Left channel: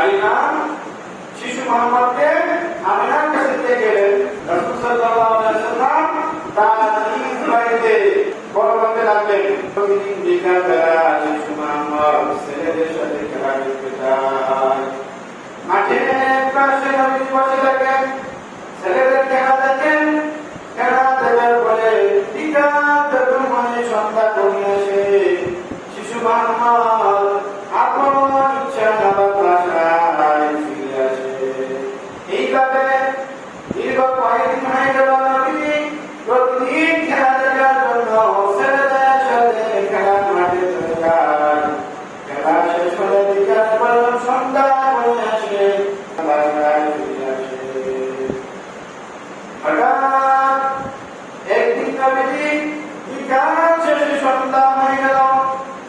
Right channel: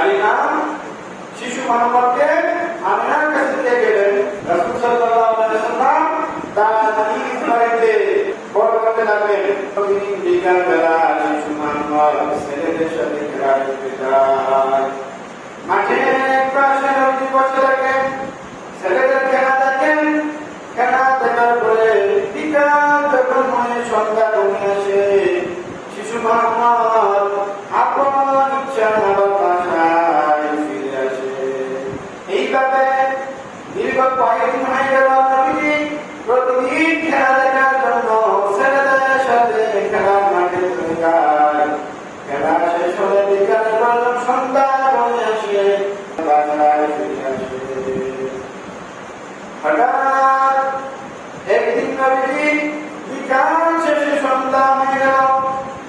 হালিমা শিশু মুহাম্মদকে আমিনার কাছে দিয়ে গেলেন। রাসূল সাল্লাল্লাহু আলাইহি ওয়াসাল্লাম তার নিজ বাড়িতে বড় করতে লাগলেন। বিকালবেলা শিশু মুহাম্মদ ছেলেদের সাথে খেলা করতে যায়। মাঠের পাশে নদী বসে থাকেন, ছেলেদের খেলা দেখেন। খেলা দেখার পরে বিকাল যখন মনে সন্ধ্যা কমে আসে, শিশু মুহাম্মদ আপন ইচ্ছা আবার বাসায় ফিরে আসে। এইভাবে দীর্ঘ কয়েকদিন হয়ে গেল। নবীজি প্রতিদিন খেলা দেখার জন্য ছেলেদের সাথে খেলা মাঠে চলে যায়। খেলা শেষ হলে বিকাল পর্যন্ত সন্ধ্যা কমে আসে, বাসায় ফিরে আসে। হঠাৎ একদিন নবীজি বিকাল শেষে সন্ধ্যা হয়ে গেল,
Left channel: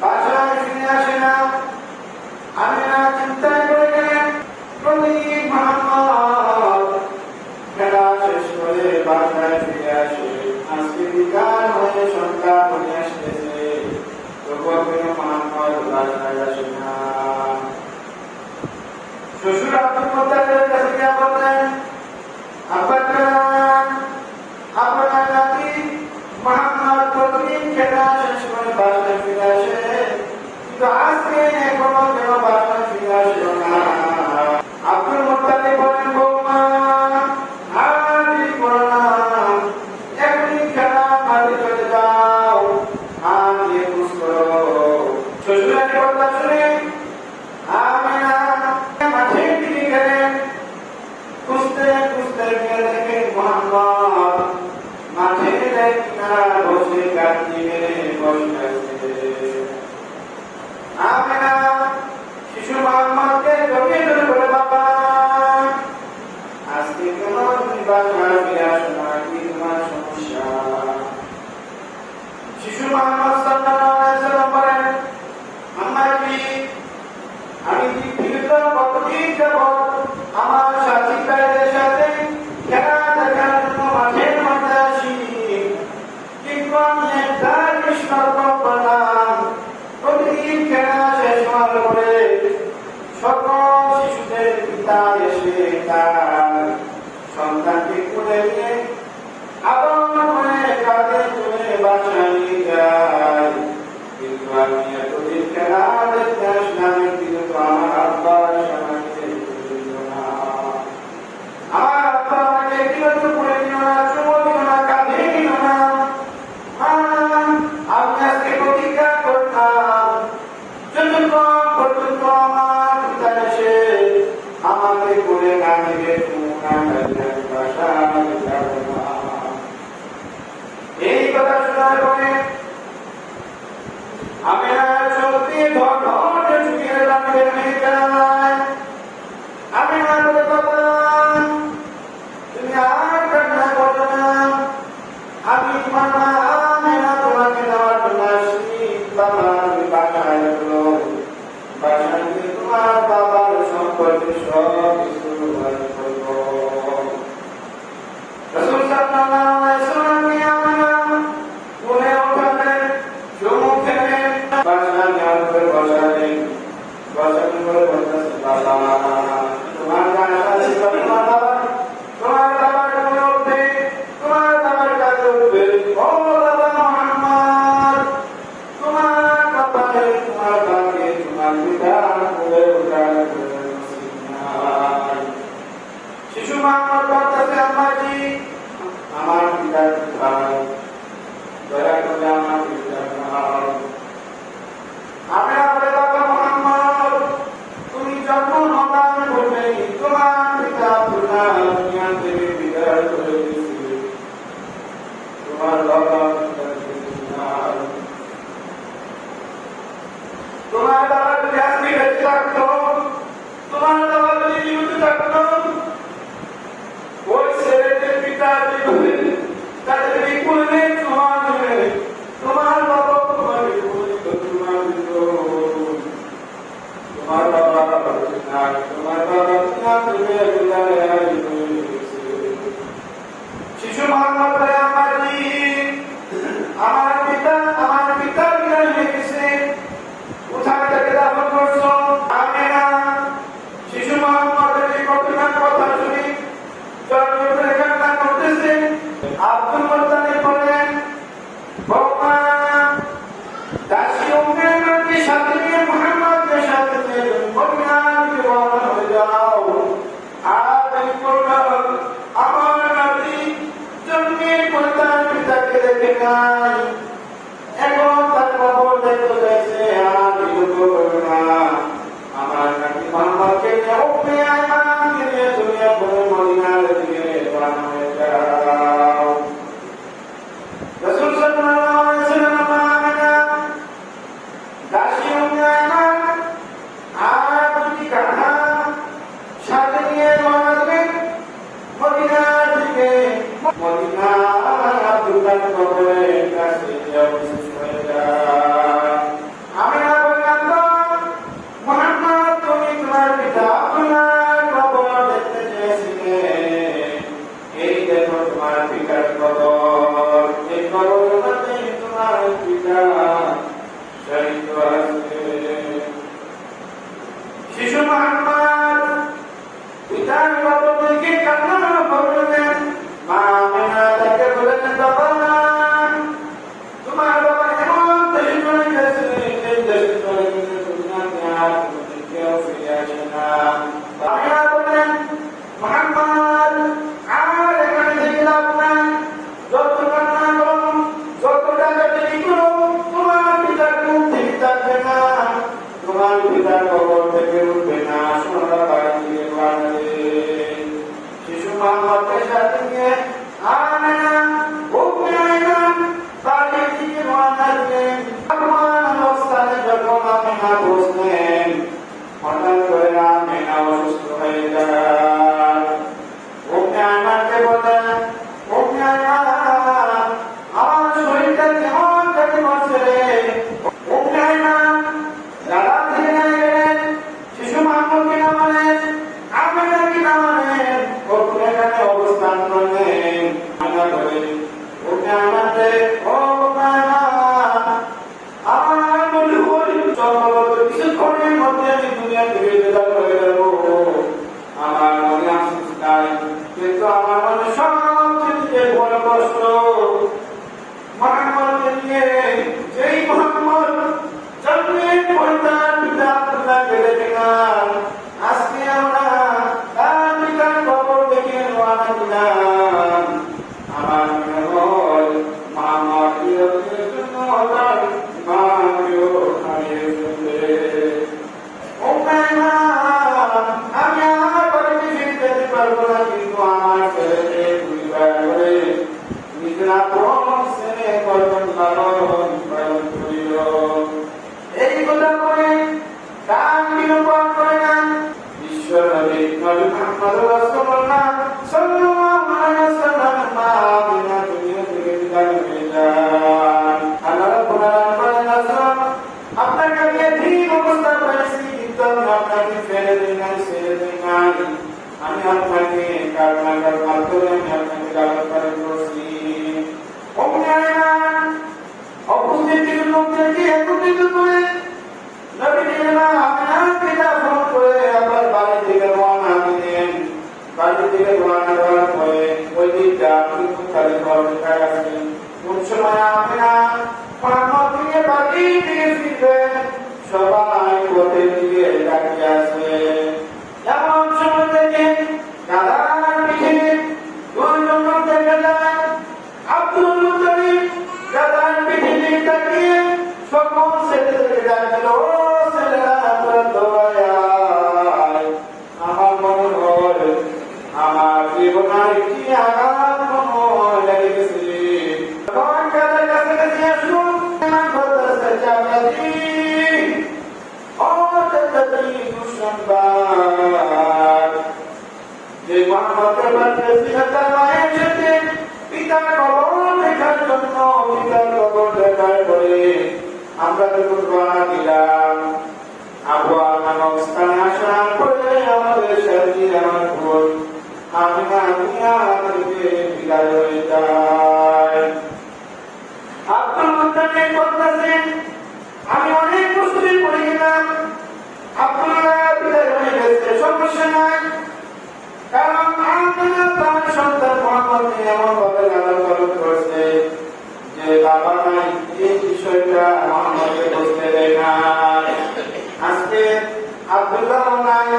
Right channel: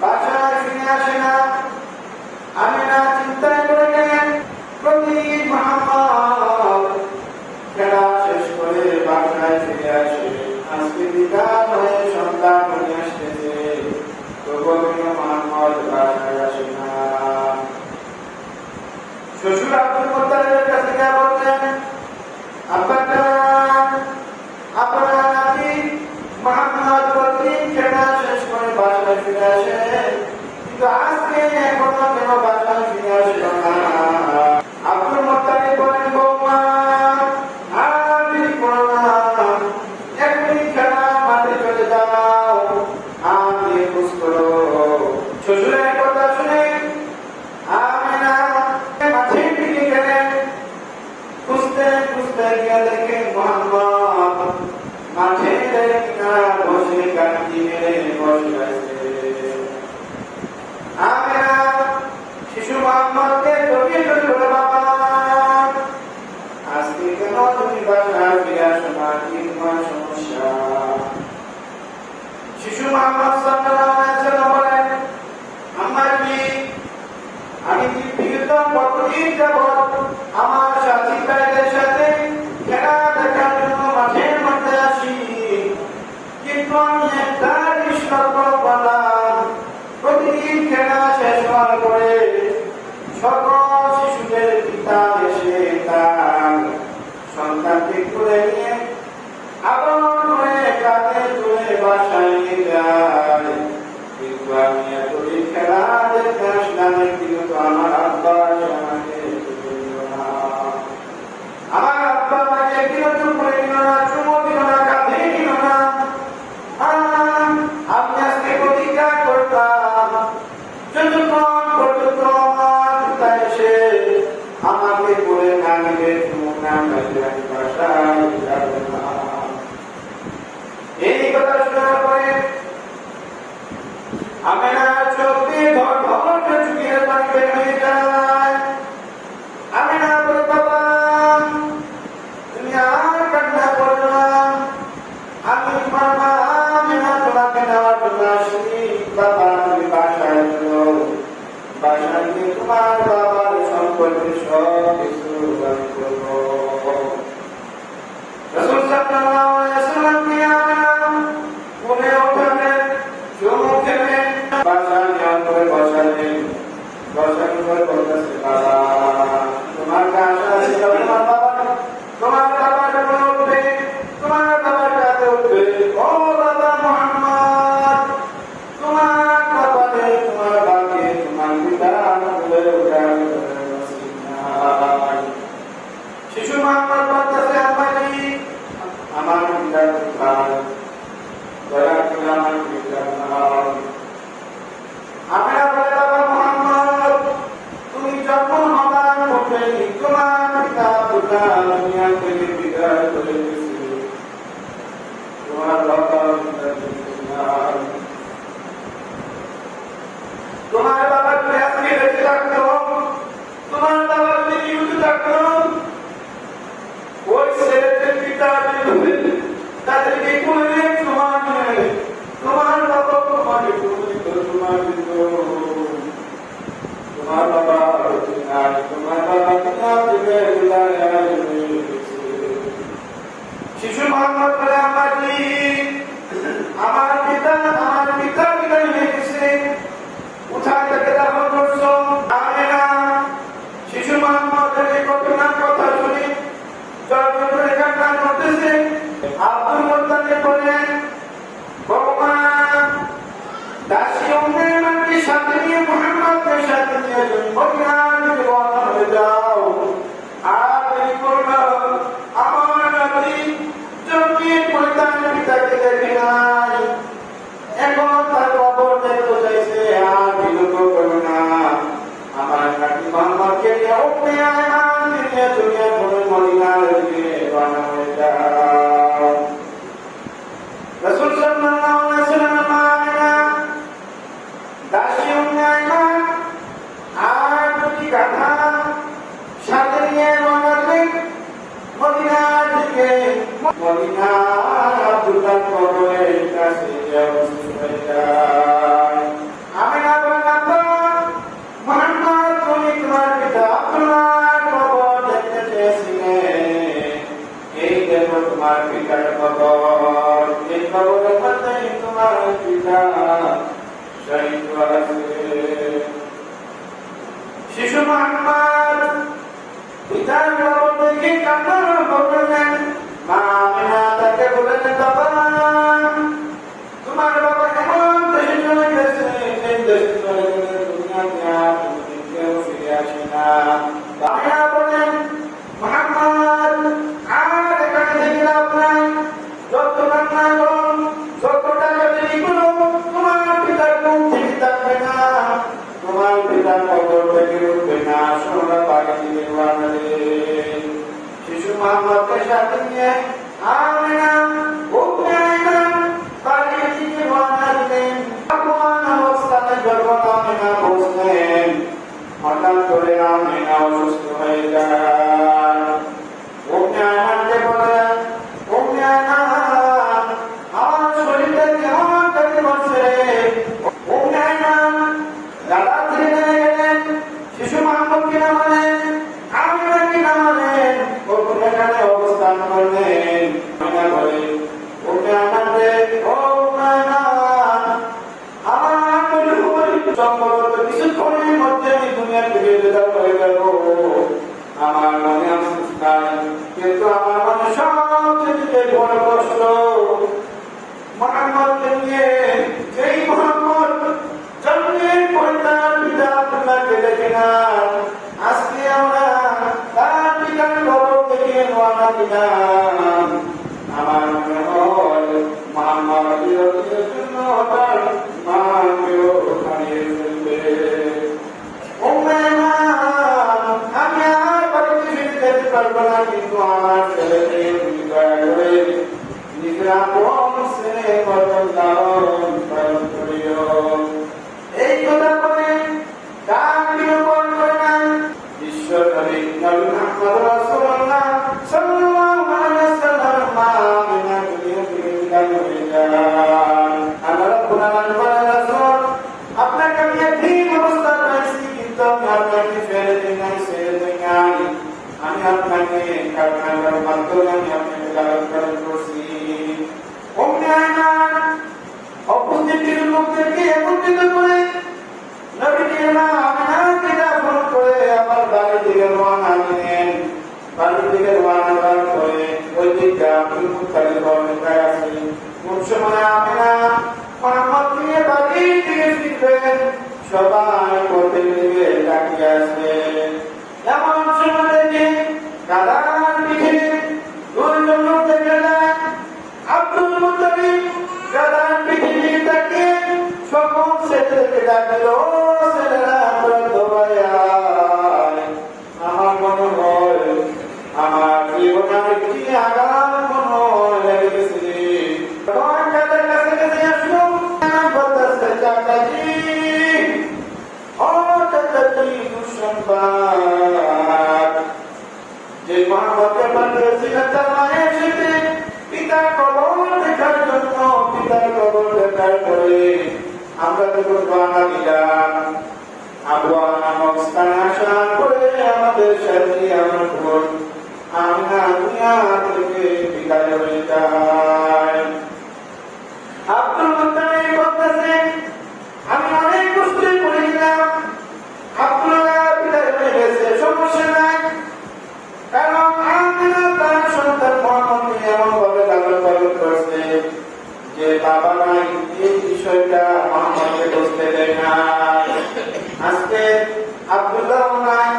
বাসায় ফিরে আসে না। আমিনা চিন্তা করে গেলেন, প্রতিদিন মুহাম্মদ খেলা শেষ করে বাসায় ফিরে আসে, আজকে বিকাল হয়ে সন্ধ্যা হয়ে আসতেছে, তবুও কেন মুহাম্মদ বাসায় আসে না? শ্বশুর আব্দুল মুত্তালিবের কাছে গিয়ে বললেন, আপনার নাতি মুহাম্মদ প্রতিদিন খেলা শেষ করে বাসায় ফিরে আসে, কিন্তু আজকে এখনো কেন বাসায় ফিরে আসে না? আব্দুল মুত্তালিব বলেন, বৌমা আর দেরি করো না, এখনই খেলা মাঠে চলে যাও, আর গিয়ে খোঁজ করো। শ্বশুরের কথা শুনে আমিনা মাঠের দিকে গেলেন। খুঁজতে খুঁজতে গিয়ে দেখেন মুহাম্মদ মাঠের কিনারা বসে কাটিয়ে বসে আছে। আমিনা শিশু মুহাম্মদকে জড়িয়ে ধরে বলে, বাবা আজকে কেন তুমি বাসায় ফিরে আসো না? কি তোমার সমস্যা? শিশু মুহাম্মদ সাল্লাল্লাহু আলাইহি ওয়াসাল্লাম বলেন, আম্মা জি, আমি বিগত কতদিন যাবত আমার সাথী ভাইদের সাথে খেলা দেখার জন্য মাঠের মধ্যে আসি, কিন্তু আমি একটা সতর্ক করলাম, প্রতিদিন খেলা শেষ হওয়ার পরে সকল শিশুদের পিতা এসে তার সন্তানকে তুলে নিয়ে আবার করে কাঁধে তুলে বাসায় নিয়ে যায়। কিন্তু আমি এতদিন খেলা দেখতে আসলাম, কিন্তু আমার আব্বা আমাকে দিল না, আমার আব্বা আমাকে বিরত করে দিল না, চুমো দিল না, কাঁধে দিল না। আমি আজকে প্রতিজ্ঞা করতাম, যতক্ষণ পর্যন্ত আমার পিতা এসে আমাকে করে না মেরে বাসায় যাব না। এই কথা শোনার পরে আমিনা চোখে ধর ধর চুকিয়ে পানিতে হয়ে যায়। আমিনা বলে, বাবা তুমি আর কান্না করো না, আমি তোমার মা আমিনা তোমাকে দেওয়ার জন্য আসি। বাবা তুমি বাসায় আসো, বাসায় গিয়ে তোমার বাবার সম্পর্কে সব কিছু করবো। রাসূল সাল্লাল্লাহু আলাইহি ওয়াসাল্লাম আমিনা মনে ওঠালেন, চুমু খেলেন, বাসায় যাওয়ার পরে বসালেন। বসানোর পরে বলতেছে, বাবা তোমার বাসা ছিল, তোমার বাবার কোলে উঠবে, তোমার বাবার কাছে উঠবে। ও বাবা মুহাম্মদ, তোমার কপালে তোমার ভাগ্যে তোমার পিতা কোলে ওঠার নসিব নাই। শিশু মুহাম্মদ বলতেছে, আম্মা জি আমার পিতা কোথায়? দয়া করে আমার পিতা কোথায়? আপনারা বলে, বাবা মুহাম্মদ তুমি যখন হবার পূর্বে তোমার পিতা কোথায় দুনিয়া থেকে বিদায় করে দিয়েছে, তোমার বাবা নাই। তোমার বাবা যদি আজকে বেঁচে থাকতো, তোমার বাবা যদি জীবিত থাকতো, মোহাম্মদকে নিয়ে ওকে আয়ান দিয়ে তুমি বলে মদিনার দিকে রওনা হয়ে যাও। রাসূল সাল্লাল্লাহু আলাইহি ওয়াসাল্লাম দাসী উম্মানা আর দুটি কাঁধা সাথে নিয়ে রওনা দিলেন মদিনার দিকে। মদিনার আব্দুল্লাহ কবরের কাছে অবস্থিত হয়ে যায়। আমিনা বললেন, মুহাম্মদ তুমি তোমার পিতা আব্দুল্লাহর কবর দেখতে চেয়েছিলে, এই দেখো তোমার পিতার কবর, এই কবরের মধ্যে তোমার পিতা শহীদ হয়েছে। শিশু মুহাম্মদ পিতার কবর দেখে কান্না করলেন। মা আমিনা তাকে বললেন, বাবা তোমার বাবা এমন দেশে চলে গেছে, এই দেশে চলে গেলে দুনিয়াতে আর কেউ ফিরে আসে না। আমিনা বললেন, মুহাম্মদ আর এখানে থেকে লাভ নাই, যত কান্না করো, যত টাকাটাকি করো, তোমার পিতার মুখ থেকে থাকবে না, তোমার পিতার কবর থেকে উঠবে না। সোনা বাড়ি দিকে বাড়বে। শিশু মুহাম্মদকে সাথে নিয়ে আমিনা বাড়ির দিকে রওনা দিলেন। এমন অবস্থানে যখন আমিনা বসলেন, হঠাৎ করে আমিনা অসুস্থ হয়ে যায়। উম্মে আয়মানকে বলেন, উম্মে আয়মান আমার শরীরটা কেমন জানি করছে রে। উম্মে আয়মান দাঁড়া দিয়ে গেলেন, শিশু মুহাম্মদকে নামালেন, আমিনাকে নামালেন, ওখানে এখানে অবস্থান করলেন। আমিনা বলে, উম্মে আয়মান রে, ও উম্মে আয়মান আমার বলি সম্ভবত কিছুক্ষণের মধ্যে আমি দুনিয়া থেকে বিদায় হয়ে যাব। আমার মনে আফসোস নাই, কিন্তু আমার মনে সবচেয়ে বড় কষ্ট মুহাম্মদকে নিয়ে। যেই মুহাম্মদ জন্মের পর তার পিতা আব্দুল্লাহকে দেখে না, আজকে আমরা তার পিতার কবর দেখে রওনা দিলাম। আমার মনে হয় মুহাম্মদ কিয়ামতের জন্য তার মাকেও হারিয়ে ফেলবে। উম্মে আয়মান আমি আর বাড়িতে ফিরে যেতে পারবো না, কিন্তু আমার ছেলেকে তুমি দয়া করে নিজের আপন ছেলে করবেন লালন পালন করিও। এই কথা বলে ডাক বিলোপন করলেন ঈশ্বর নবী মুহাম্মদ রাসূলুল্লাহ সাল্লাল্লাহু আলাইহি ওয়াসাল্লাম। আমিনা দুনিয়া থেকে বিদায় হয়ে যান। আল্লাহ রাব্বুল আলামিন রাসূল আপনাকে আমি ঠিক অবস্থা পেয়েছি, কিন্তু আমি আপনাকে ছেড়ে দিই নাই, ছেড়ে দিই নাই। আমি আপনাকে কান্নার মাধ্যমে আমি আপনাকে লালন পালন করছি। উম্মে আয়মান উপস্থিত লোকদেরকে একত্রিত করে নবীজি আমিনাকে দাফন করে আবার বাড়ির দিকে রওনা দিলেন। বাড়ির দিকে রওনা দেওয়ার পরে ওই দিকটা আব্দুল মুত্তালিব অপেক্ষায় আছেন। কোন সময় আমিনা মুহাম্মদ নিয়ে বাড়ির দিকে ফিরবেন, সবাই কোটের দিকে তাকিয়ে আছে। এমন সময় দেখি গাধার পিঠে দুইজন লোক দেখে যায়। আব্দুল মুত্তালিব গাধার পিঠে দিকে তাকিয়ে সকল ছেলেদেরকে ডাকল, ও ছেলেরা দৌড়ায়। আমার মনে হয় আমার জীবনে একটি আঘাত মনে হয় লেগে গেছে। গাধার কাছে কাছে আসুন, চাচাজি ও চাচাজি মুসলমান যে মুহাম্মদকে পাঠিয়েছিলেন তার মায়ের সাথে পিতার কবর দেখার জন্য, পিতার কবর দেখার পরে আমরা যখন রওনা দিলাম, আবহাওয়া নামক স্থানে আসার পরে আমাদের সাথে আমরা বলুন আমিনা দুনিয়া থেকে বিদায় হয়ে যায়। আব্দুল মুত্তালিব বলতেছেন, আমি অনেক কষ্টে পড়ে গেলাম, আব্দুল্লাহ বিদায় হয়ে গেছে, সমস্যা নাই, কারণ আমিনা তার সন্তান মুহাম্মদকে এমন ভাবে লালন পালন করছে যে বাবা নাই এই বিষয়টা মুহাম্মদকে বুঝতে দেয় না। আজকে আব্দুল্লাহ নাই,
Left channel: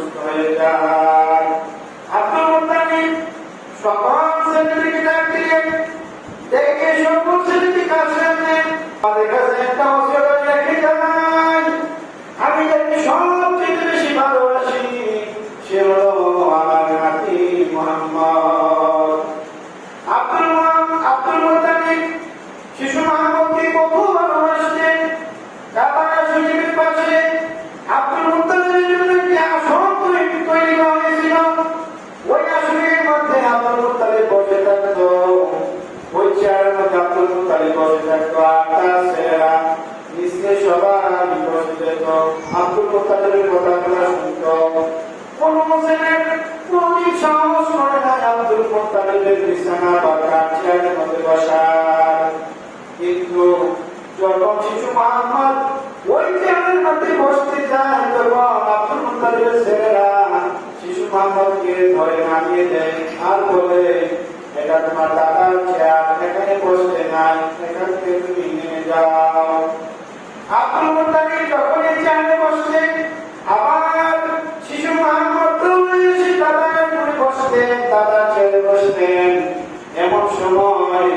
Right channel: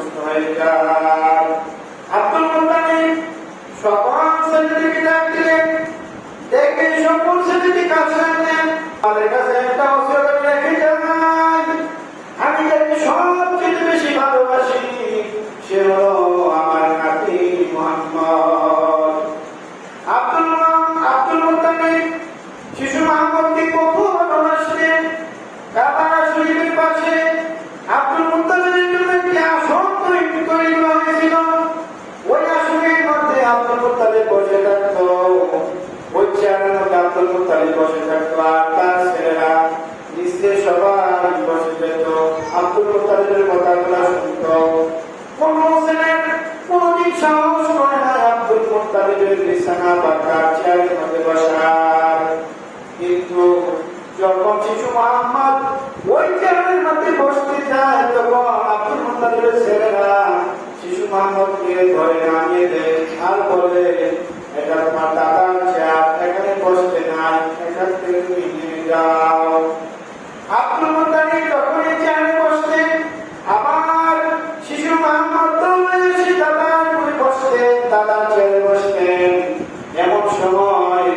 সুস্থ হয়ে যায়। আব্দুল মুত্তালিব সকল ছেলেদেরকে ডাক দিলেন, ডেকে সকল ছেলেদের কাছে আনলেন। আমাদের কাছে একটা ওসিয়ত রেখে যান, আমি যাকে সবচেয়ে বেশি ভালোবাসি সে হলো আমার নাতি মুহাম্মদ। আব্দুল মুত্তালিব শিশু মুহাম্মদকে কত ভালোবাসতেন। কাবা শরীফের পাশে আব্দুল মুত্তালিবের জন্য একটি আসন তৈরি করা হয়েছিল। ওই আসনের মধ্যে আব্দুল মুত্তালিব বসে থাকতো, ওই চেয়ারের মধ্যে আব্দুল মুত্তালিব বসে থাকতো, আর তার ছেলেরা নিচে সবাই বসে যেত, আব্দুল মুত্তালিবের কথাগুলো শুনতো। কোন ছেলে কোনদিন সাহস করে না আব্দুল মুত্তালিবের বিছানা বা তার চেয়ারের মধ্যে বসার। কিন্তু যখন শিশু মুহাম্মদ ওই চেয়ারের মধ্যে বসতে যায়, তখন আব্দুল মুত্তালিবের ছেলেরা শিশু মুহাম্মদকে ধরে নামিয়ে দেয় আর বলে, এটা তোমার দাদার চেয়ার, এখানে বসতে নাই, এখান থেকে তুমি নেমে যাও। আব্দুল মুত্তালিব যখন এই চেয়ারে বসতেন, আবার শিশু মুহাম্মদ এসে দাদার করে বসতেন, দাদার চেয়ারে বসতেন। এমন সময়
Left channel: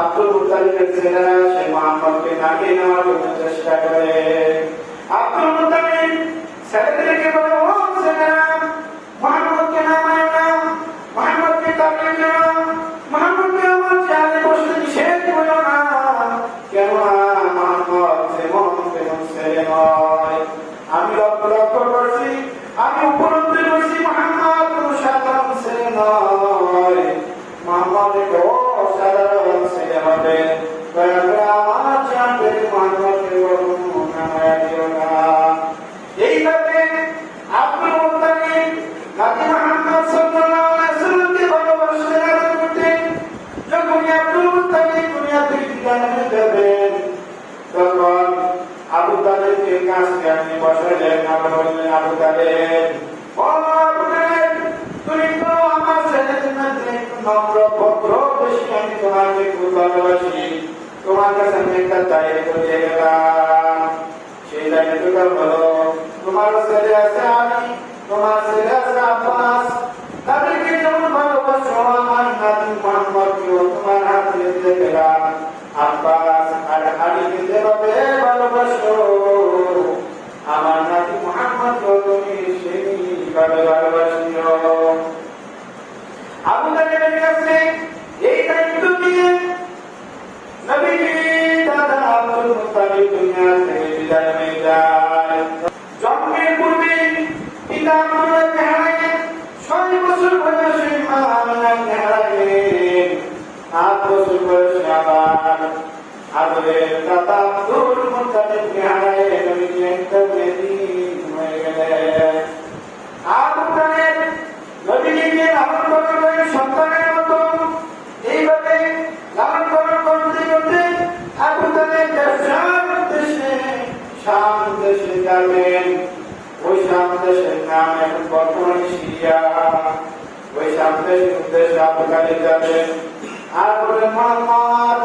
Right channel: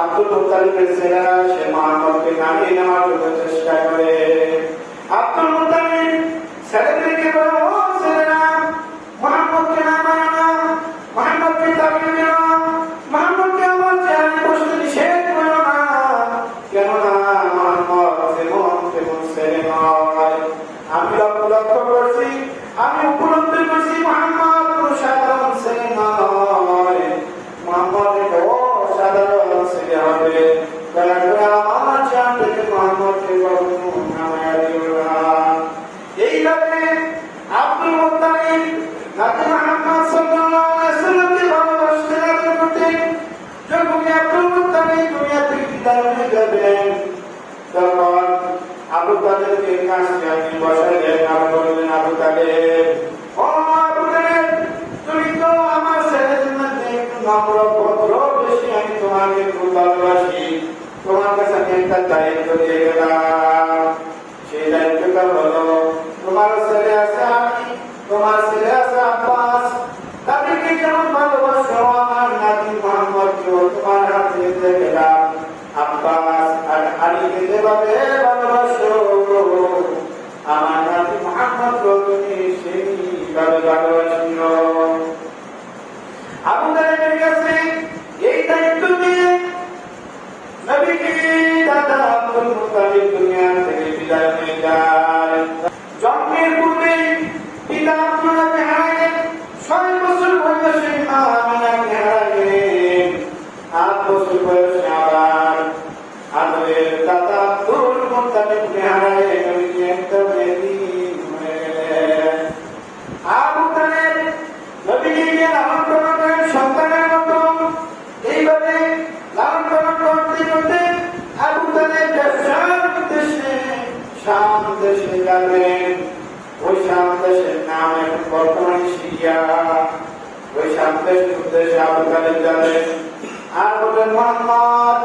আব্দুল মুত্তালিবের ছেলেরা সে মুহাম্মদকে নামিয়ে নেওয়ার জন্য চেষ্টা করে। আব্দুল মুত্তালিব ছেলেদেরকে বলে, ও ছেলেরা, মুহাম্মদকে নামায় না, মুহাম্মদকে তাড়িয়ে দাও, মুহাম্মদকে আমার চেয়ারে বসতে নিষেধ করো না, কেননা মুহাম্মদ যেমন তেমন ছেলে নয়। আমি লক্ষ্য করছি, আমি উপলব্ধি করছি মুহাম্মদ কোন সাধারণ ছেলে নয়, মুহাম্মদ এক অসাধারণ ছেলে হবে। আমার চেয়ার থেকে মুহাম্মদকে নামায় দিও না। এইভাবে আব্দুল মুত্তালিব নাতি মুহাম্মদ সাল্লাল্লাহু আলাইহি ওয়াসাল্লামকে ভালোবাসতে আরম্ভ করতেন। যখন আব্দুল মুত্তালিব দুনিয়া থেকে বিদায় হয়ে যাবেন, তখন আবু তালেবকে কাছে আনি বসালেন, আর বললেন, আবু তালেব, ও আবু তালেব, তুমি তো আমার ছেলেদের মধ্যে একটু নম্র ভদ্র বেশি, আমি তোমাকে খুব ভালোবাসি, তোমার কাছে আমি একটা দায়িত্ব দিয়ে গেলাম। সেই দায়িত্বটা হলো, তোমার ছেলে আছে আমি, তোমার ছেলে আছে আব্বাস, তাদেরকে যেমন ভালোবাসো আমার নাতি মুহাম্মদকেও তোমার হাতে দিয়ে গেলাম। আব্বাস আর আলীকে যেভাবে ভালোবাসো আমার নাতি মুহাম্মদকেও তুমি সেইভাবে ভালোবাসিও। আবু তালেবের কাছে এই দায়িত্ব দিয়ে নবীজি দাদা আব্দুল মুত্তালিব দুনিয়া থেকে বিদায় হয়ে যায়। জন্মের পূর্বে পিতা আব্দুল্লাহকে হারালেন, 6 বছর বয়সে মা আমিনাকে হারালেন, 8 বছর বয়সে আবার আদরের দাদা আব্দুল মুত্তালিবকে হারালেন, নবীজি একদম এতিম হয়ে গেলেন। আবু তালেব নবীজিকে লালন পালন করেন সন্তানের মতো। এইভাবে লালন পালন করতে করতে আবু তালেব ব্যবসার উদ্দেশ্যে শাম দেশে যাবেন। ওই শাম দেশের নাম এখন বর্তমানে সিরিয়া। ওই শাম দেশের উদ্দেশ্যে আবু তালেব যাবেন আর বললেন, মুহাম্মদ,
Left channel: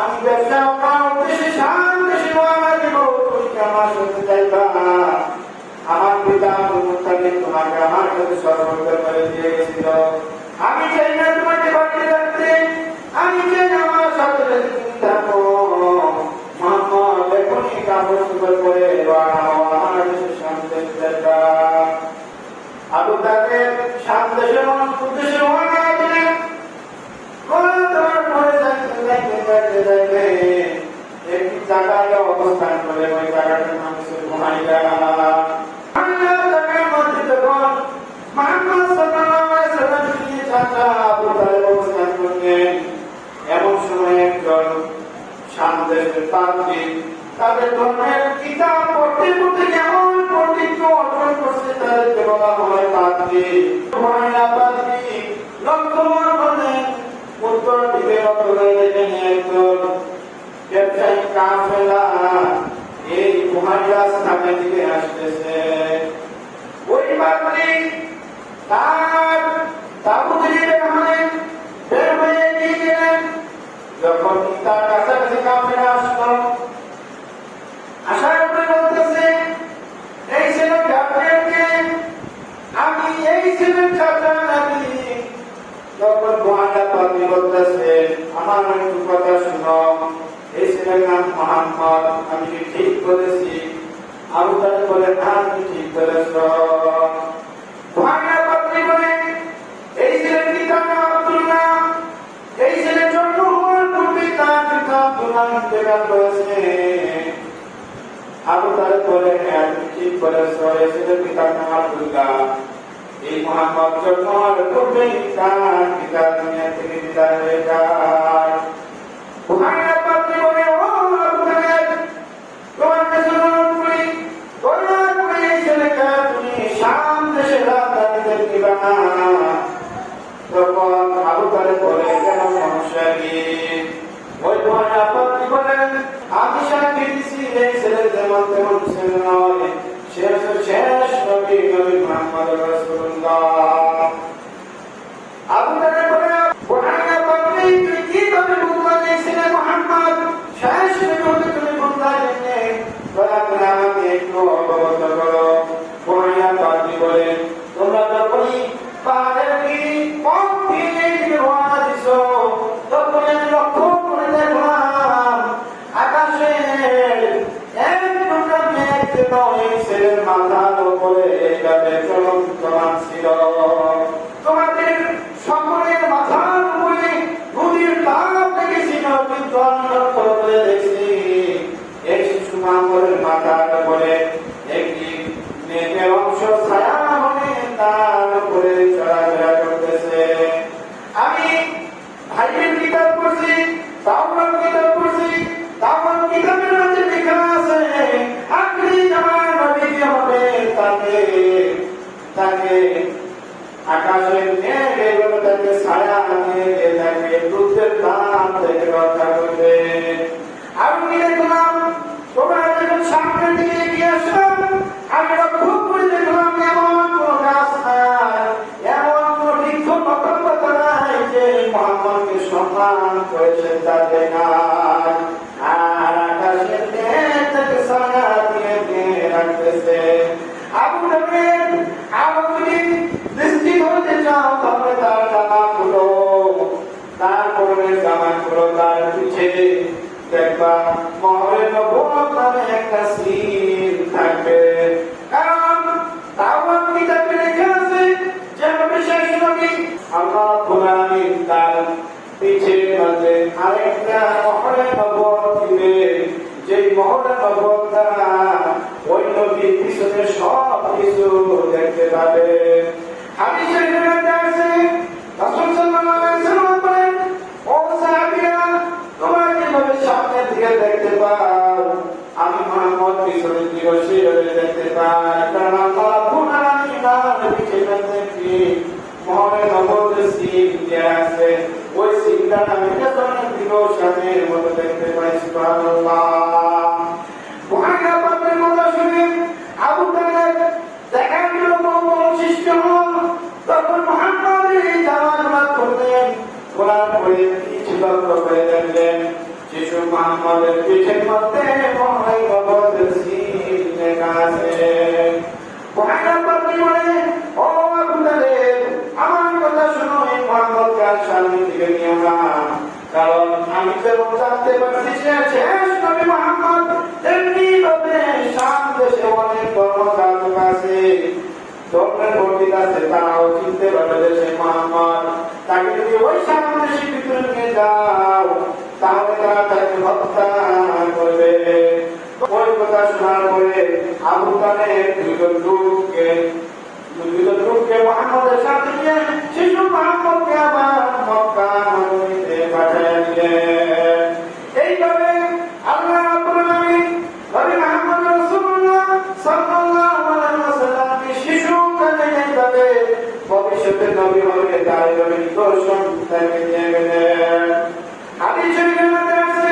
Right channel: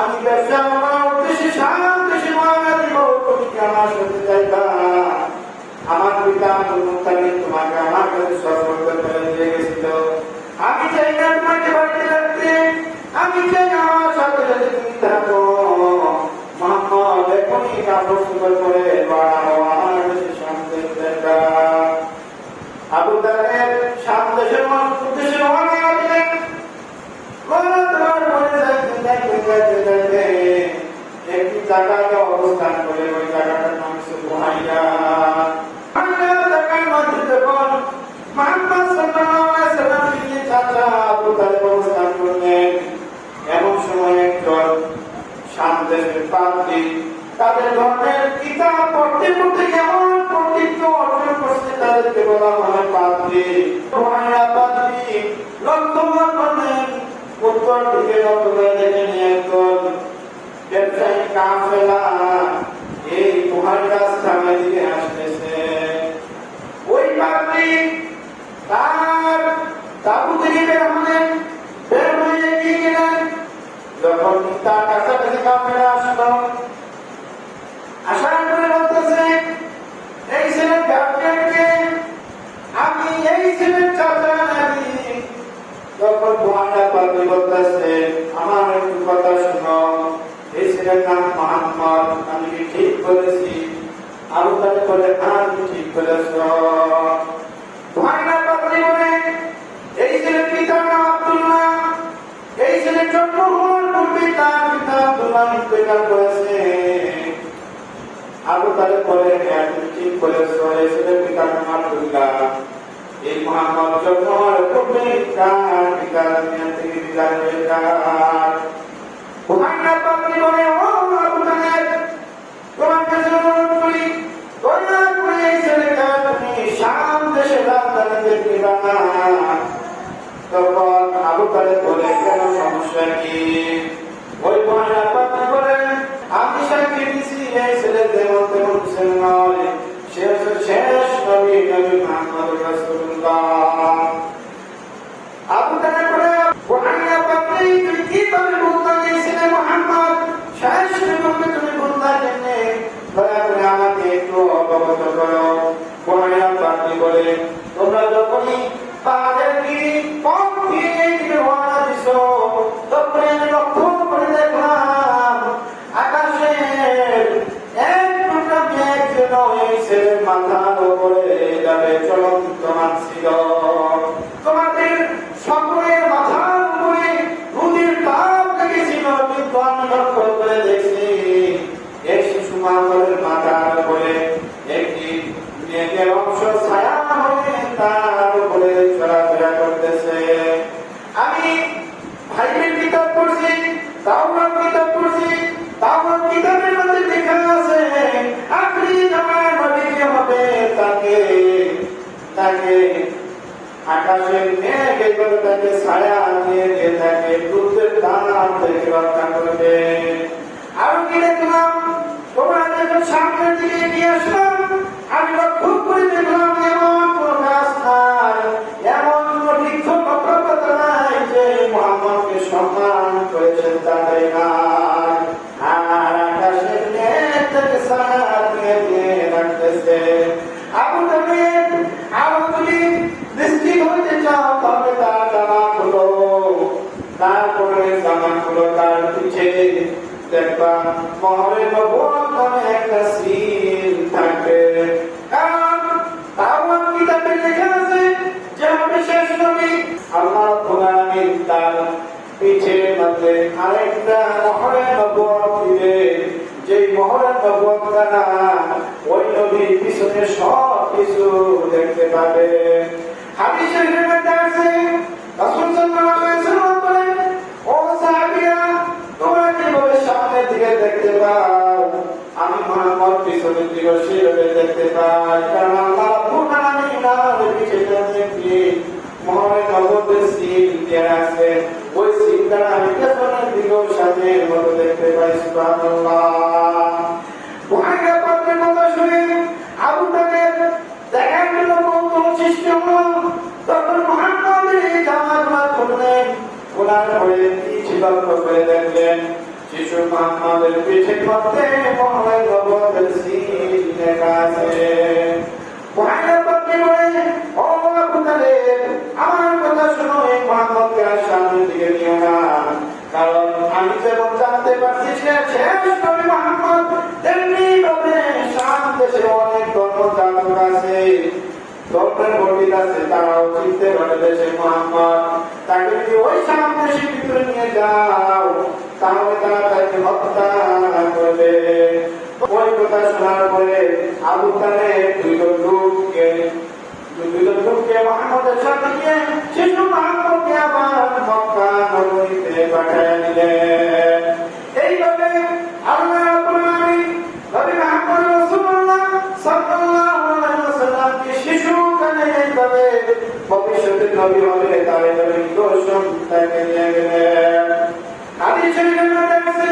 আমি ব্যবসা করার উদ্দেশ্যে শাম দেশে রওনা দিব, তুমি কি আমার সাথে যাইবা? আমার পিতা আব্দুল মুত্তালিব তোমাকে আমার কাছে সর্বদা ফেলে দিয়ে গেছিল, আমি চাই না তোমাকে বাড়িতে রাখতে, আমি চাই আমার সাথে তুমি থাকো। মুহাম্মদ এখনই কাপড় চোপড় করে আমার দেশে শাম দেশে যাইবা। আবু তালেব শাম দেশের উদ্দেশ্যে রওনা দিলেন। একটু জায়গাটা অবস্থান করে ওই জায়গাটার মানুষের ঘুমাইয়া এমন সময় একজন সামদেশের পাদ্রী তাদের ধর্মের কিতাব পড়তে পড়তে কেমন পণ্ডিত অর্জন করছে, তাদেরকে বলা হয় পাদ্রী। উত্তর দিকে একজন ব্যবসায়ী কাফেলা এই মহারাজ নামে দিকে আসতেছে। ওই পাদ্রী তার তাবু থেকে বের হয়ে গিয়ে গেলেন। যখন তার কাছাকাছি কাফেলা আসলো, আসার পরে বলতেছে, এই ছেলে কাফেরকে তার পিতা দুনিয়া থেকে বিদায় হয়ে যায়। ওখানে আপনি মনে ও আবু তালেব তোমার কাছে অনুরোধ করি দয়া করে এই ছেলেকে তুমি শাম দেশে রাজধানীতে দিবা না। তখন আবু তালেব বলে কেন সমস্যা কি? ওই তোমার আপনি বলেন আমি সাক্ষী দিছি এই ছেলে যেমন তেমন ছেলে নয়, সে শেষ নবী নবী মুহাম্মদ রাসূলুল্লাহ। আবু তালেব বলে ওখানে আপনি কি করে বলতে গেছিলেন মুহাম্মদ শেষ নবী তুমি বলতে গেলে দয়া করে আমাকে একটু অবগত করো। ওখানে আপনি বলে তোমরা যখনই তাদেরকে পক্ষে রওনা দিছো তখন আমি লক্ষ্য করে দেখলাম আকাশে এক টুকরা মেঘ যেন এই ছেলের মাথার উপরে যাবে চলমান ছিল। তোমাদের সকলের মাথার উপরে নদীর তাপ দেখেছিল, কিন্তু আমি লক্ষ্য করে দেখছি এই শিশু মামার মাথার উপরে একটি মেঘের অংশ ছায়া হয়ে তার উপরে চলাফেরা করতেছে। আমি ভাইয়ের কিতাব পড়ছি, তাওরাত কিতাব পড়ছি, তাওরাত কিতাবের মধ্যে লেখা আছে আখরি জামানার নবী যে হবে তাকে আকাশের মেঘ এগুলো তাকে ছায়া দিয়ে তাকে দুধের দাম থেকে রক্ষা করবে। আমি কি দেখলাম তোমরা যখন সামনের দিকে এগিয়ে আসলাম আমি লক্ষ্য করে দেখলাম এমন কোন গাছ নাই, এমন কোন বৃক্ষ পত্র নাই যে মুহাম্মদকে সম্মান করেছে তাদের নাই। আর আকাশের মেঘ থেকে ছায়া দিয়ে রাখতেছে। আবু তালেব যদি দৃষ্টি হতে চাও তাহলে তার জামা খুলো, তারপরে জামা খুলো, তার পিছে দেখবা মহরে নবুয়ত নামে একটা সিল থাকবে। কারণ তাওরাত কিতাবে লেখা আছে যে বিশেষ নবী আল্লাহ রাব্বুল আলামিন তার পিছে মধ্যে আরেকটা মহরে নবুয়ত দিবে, যেই মহরে নবুয়ত দ্বারা ওই নবীর পিছনে সব কিছু দেখতে পাবে। হাদিসের মধ্যে আছে রাসূল সাল্লাল্লাহু আলাইহি ওয়াসাল্লাম বলেন ও সাহাবীরা তোমরা কিভাবে সামনের দিকে দেখতে পাও, আমি মুহাম্মদ পিছনের দিকে সেইভাবে দেখতে পাই। কারণ আল্লাহ রাব্বুল আলামিন আমাদের পিছনে দেখি মহরে নবুয়তের সিল দেয়া আছে, ওই সিলটা আমি পেছনের দিকেও সাথে মতো দেখতে পাই। সুবহানাল্লাহ। ওখানে আপনার কথা শুনে আবু তালেব দেখা গেল সৃষ্টি হল। তখন মুহাম্মদের জামাগুলো খুললেন, কোরআন পড়ে কিছু লক্ষ্য করে দেখলেন শিশু মুহাম্মদের পিঠের মধ্যে মহরে নবুয়তের সিল লেখা আছে। ওখানে আপনি বলে ও আবু তালেব আমার কথা শুনো, মুহাম্মদকে আর সামনের দিকে নিও না। কারণ আমি যেমন জানতে পারছি সে শেষ নবী মুহাম্মদ, তেমনি ভাবে শাম দেশে অনেক ধর্মযাজক আছে, ধর্মের পণ্ডিত আছে, তারাও চিনতে পারবে দেশে মুহাম্মদ। তাকে যদি ওই শাম দেশের ভিতরে নিয়ে যাও তাহলে তারা তাকে হত্যা করবে। ওই কথা শোনার পরে আবু তালেব দুজন লোককে মুহাম্মদের সাথে নিয়ে শিশু মুহাম্মদকে আবার মক্কা নগরীতে পাঠিয়ে দিলেন। এইভাবে আল্লাহ রাব্বুল আলামিন নবী মুহাম্মদ রাসূলুল্লাহ সাল্লাল্লাহু আলাইহি ওয়াসাল্লামকে শিশুকালে এইভাবে ভবিষ্যতের নবী হবে তার নিদর্শন তাকে দিয়ে গেলেন। হাদিসের মধ্যে আছে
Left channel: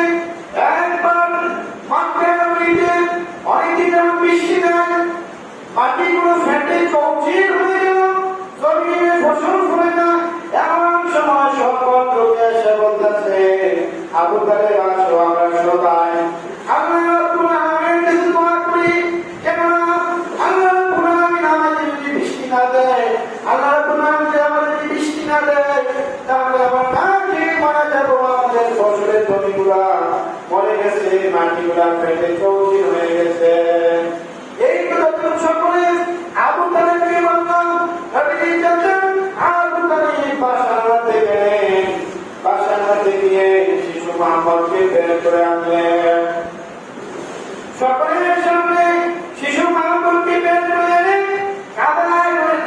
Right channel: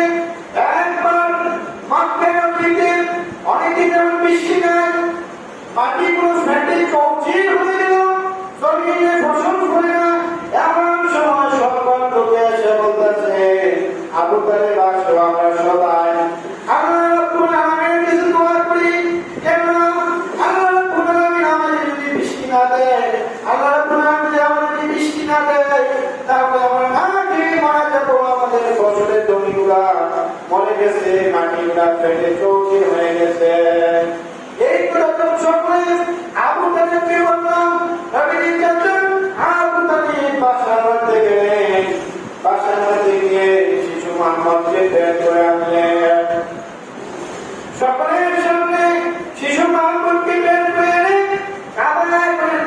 একবার মক্কা নগরীতে অনেকদিন বৃষ্টি নাই, মাটিগুলো ফেটে কৌচির হয়ে গেল, জমিনে ফসল ফলে না। এমন সময় সকল লোক এসে বলতেছে আবু তালেব আসো আমরা সবাই আল্লাহ রাব্বুল আলামিনের কাছে দোয়া করি, কেননা আল্লাহ রাব্বুল আলামিন আমাদের যদি বৃষ্টি না দেয়, আল্লাহ রাব্বুল আলামিন যদি আমাদের বৃষ্টি না দেয় তাহলে আমরা না খেয়ে মারা যাবো। আমাদের ফসলের জমিগুলা মরে গেছে, মাটিগুলা ফেটে চৌচির হয়ে গেছে। এই কথা সকলে আবু তালেবকে বললাম। নবীজি চাচ্ছেন আবু তালেব বাসার মধ্যে গেলেন, বাসার মধ্যে গিয়ে শিশু মুহাম্মদকে বের করে আনলেন। সকলের সামনে শিশু মুহাম্মদকে বের করে আনে কাদায় করে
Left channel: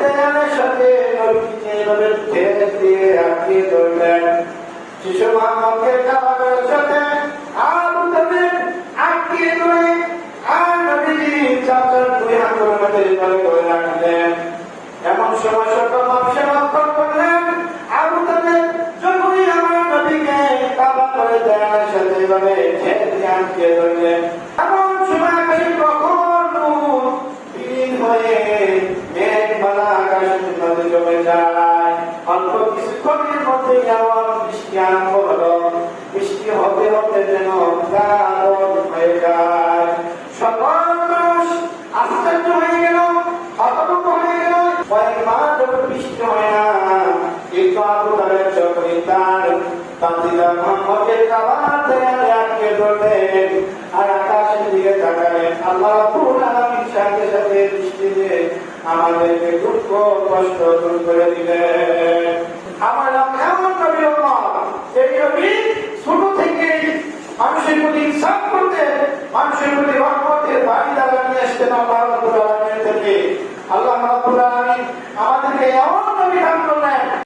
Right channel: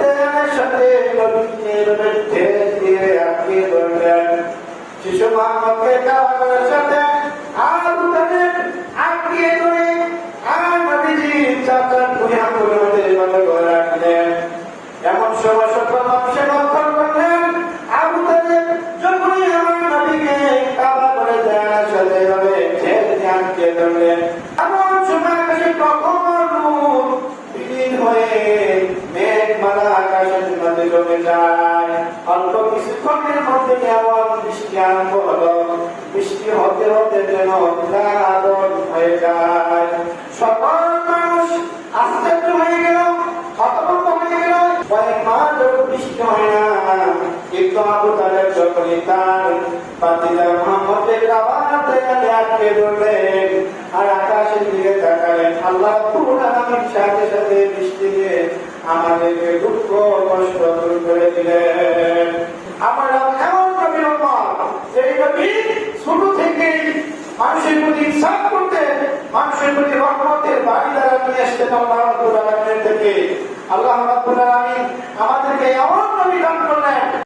সময় সর্বপ্রথম সে লক্ষ্য করলেন আবু তালেব যখনই আমার নবীকে কাবা করে দেওয়ার সাথে এভাবে ছেড়ে আনতে ধরলেন, এমন সময় আকাশে প্রখর নূর বিলীন হয়ে মেঘমালা আকাশের মধ্যে জমে যায়। অল্প কিছুক্ষণের মধ্যে এমন বৃষ্টি আরম্ভ হলো, বৃষ্টি হতে হতে যেন দারুণ হয়ে যায়। সকল মানুষ আশ্চর্য হয়ে গেল, হতভম্ব হয়ে গেল। কয়েক মাস যখন বৃষ্টি হয় না, কিন্তু আবু তালেব যখনই তার পাতিলা মুহাম্মদের কাবার দেয়ালে আটকে ধরলেন আর আকাশের দিকে তাকালেন, আল্লাহ রাব্বুল আলামিন সাথে সাথে বৃষ্টি দিয়ে আমাদেরকে দুঃখ কষ্ট দূর করে দিলেন। আমার এমন নবী উম্মত, যে নবী ছোট থেকে মানুষের প্রতি ইনসাফ করতে, মানুষের প্রতি রহমতের বাড়ি দ্বারা নিয়ে আসতেন। আল্লাহ রাব্বুল